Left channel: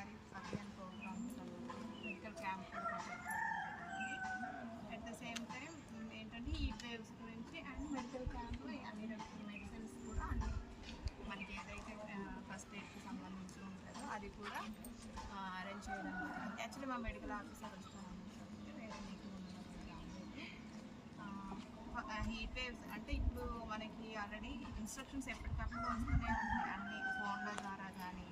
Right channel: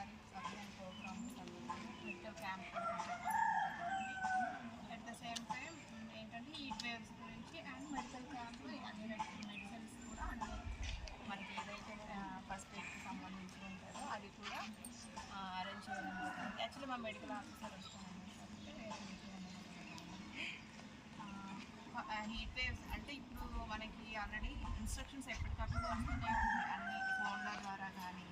గారి అభియాన్ ప్రోగ్రామ్ సంబంధించి medical camp కూడా కండక్ట్ చేయడం జరిగింది. అట్ ద సేమ్ టైం ఏంటంటే హీట్ వేవ్స్ గురించి అండ్ మెడికల్ క్యాంప్లో అన్ని మెడిసిన్స్ కూడా అన్ని మనకి ఏదైతే ఫస్ట్ ఎయిడ్కి సంబంధించి ఉంటుందో అది కూడా అరేంజ్ చేయడం జరిగింది. యాక్చువల్లీ మా మెడికల్ ఆఫీసర్ వస్తానన్నారు కాబట్టి వేరే మీటింగ్ ఉండడం వల్ల రాలేదు. హీట్ వేవ్స్ అంటే ఇప్పుడు మనకి ఆల్రెడీ ఇన్స్ట్రక్షన్స్ ఎప్పటికప్పుడు వస్తూనే ఉన్నాయి, అన్ని ఫోన్ల ద్వారా కానీ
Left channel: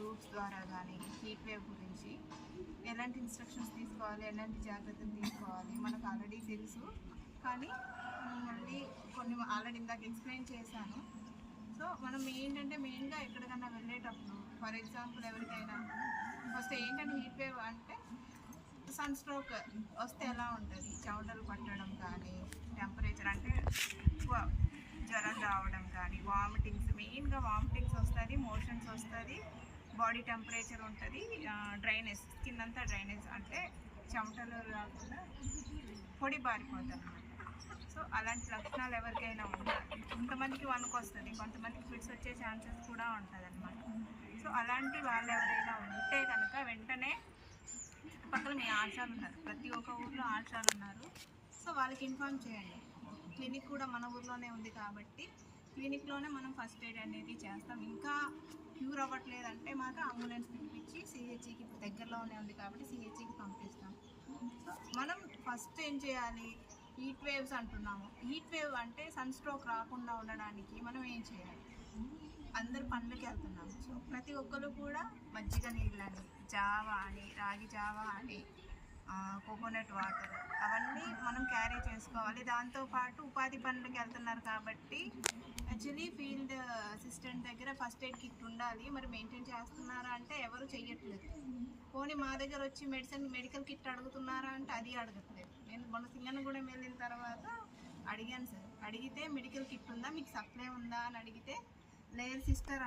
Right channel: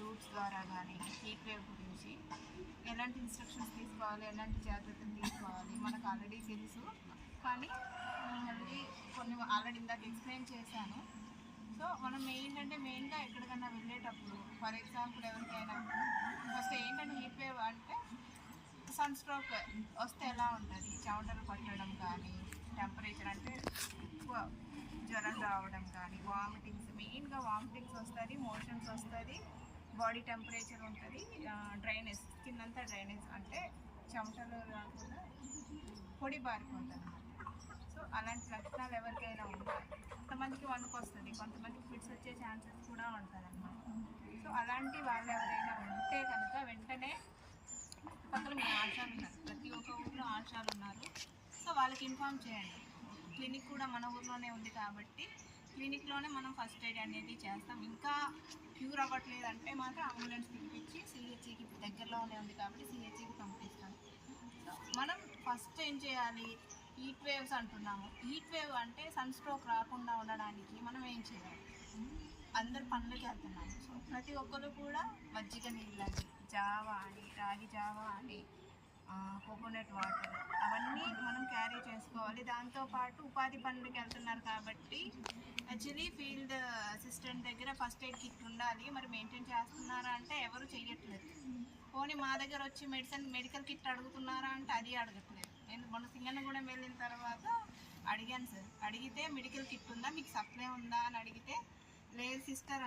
రూట్స్ ద్వారా కానీ హీట్ వేవ్ గురించి ఎలాంటి ఇన్స్ట్రక్షన్స్ తీసుకోవాలి, ఎలాంటి జాగ్రత్తలు తీసుకోవాలి మనకు ఆల్రెడీ తెలుసు. కానీ మళ్ళీ కొన్ని ఆల్రెడీ ఇందాక ఎక్స్ప్లెయిన్ చేశాను. సో మనం ఏంటంటే మెయిన్గా ఎక్కడికన్నా వెళ్ళేటప్పుడు ఫర్ ఎగ్జాంపుల్ ఎవరికైనా ఫస్ట్ ఏంటంటే హీట్ వేవ్ అంటే సన్ స్ట్రోక్ వస్తే ఎలా ఉంటుంది, చెమటలు పట్టడం కానీ, టెంపరేచర్ అంటే ఎక్కువ జ్వరం రావడం కానీ, వామిటింగ్స్ మెయిన్గా వామిటింగ్స్ వస్తుంది, మోషన్స్ వస్తుంది, బాడీ టెంపరేచర్ ఉంటుంది, డ్రైనేజ్ స్కిన్ అంతా డ్రైనేజ్ అంటే చెమటలు రాకుండా పొడి బారిపోతుంది అన్నమాట. సో అలాంటి లక్షణాలు ఎవరికైనా ఉండాలి. కొంతమందికి వణుకు వస్తుంది, కొంతమందికి ఫిట్స్ వచ్చే ఛాన్సెస్ కూడా ఉంటుంది అన్నమాట. సో అలాంటి వాళ్ళు ఎవరైనా ఉంటే కనుక వెంటనే చుట్టుపక్కల మీ ఆశాలు ఉన్నారు, ప్రతి ఒక్క ఊర్లో ఆశాలు ఉన్నారు. సో వాళ్ళకి ఇన్ఫామ్ చేయండి. క్లినిక్ కూడా మన ఊర్లోనే ఉంది కాబట్టి క్లినిక్లోనే మనం ఫస్ట్ ఎయిడ్ అనేది చేస్తాం. ఇంకా క్యూర్ అవ్వట్లేదంటే మాత్రం అంబులెన్స్ పిలిపించి సిహెచ్సికి ఇప్పుడు దగ్గరలోనే ఉంది కాబట్టి సిహెచ్సికి పంపిస్తాం. సో మనం ఫస్ట్ ఏం చేయాలి, హీట్ వేవ్స్ అంటున్నాము. హీట్ వేవ్ అంటే సన్ స్ట్రోక్ రాకుండా ఉండడానికి మనం ఏం చేయాలి, అందరు పనులకి వెళ్తున్నాము. సో ప్రతి ఒక్కరు కూడా మజ్జిగ నీళ్ళని, జావా అని, రాగి జావా అని, కోకోనట్ వాటర్ అవన్నీ మనం క్యారీ చేసుకోవాలి. దాంతోపాటు ఉపాధి పనులకి వెళ్తున్నారు కాబట్టి యాక్చువల్లీ ఫీల్డ్ అసిస్టెంట్ దగ్గర ఫస్ట్ ఎయిడ్ కిట్ ఉండాలి. మరి మెయింటైన్ చేస్తున్నారా అంటే ఎవరు చెయ్యట్లేదు. పోనీ మా దగ్గర వచ్చి మెడికల్ కిట్ అడుగుతున్నారా అంటే అది అడగట్లేదు. నేను మొన్న సింగన్నగూడెం వెళ్ళిన తర్వాత అడిగాను సార్, అడిగితే మెడికల్ కిట్ ఉందా, మీకు సప్లై ఉందా అని అడిగితే లేదు సిస్టర్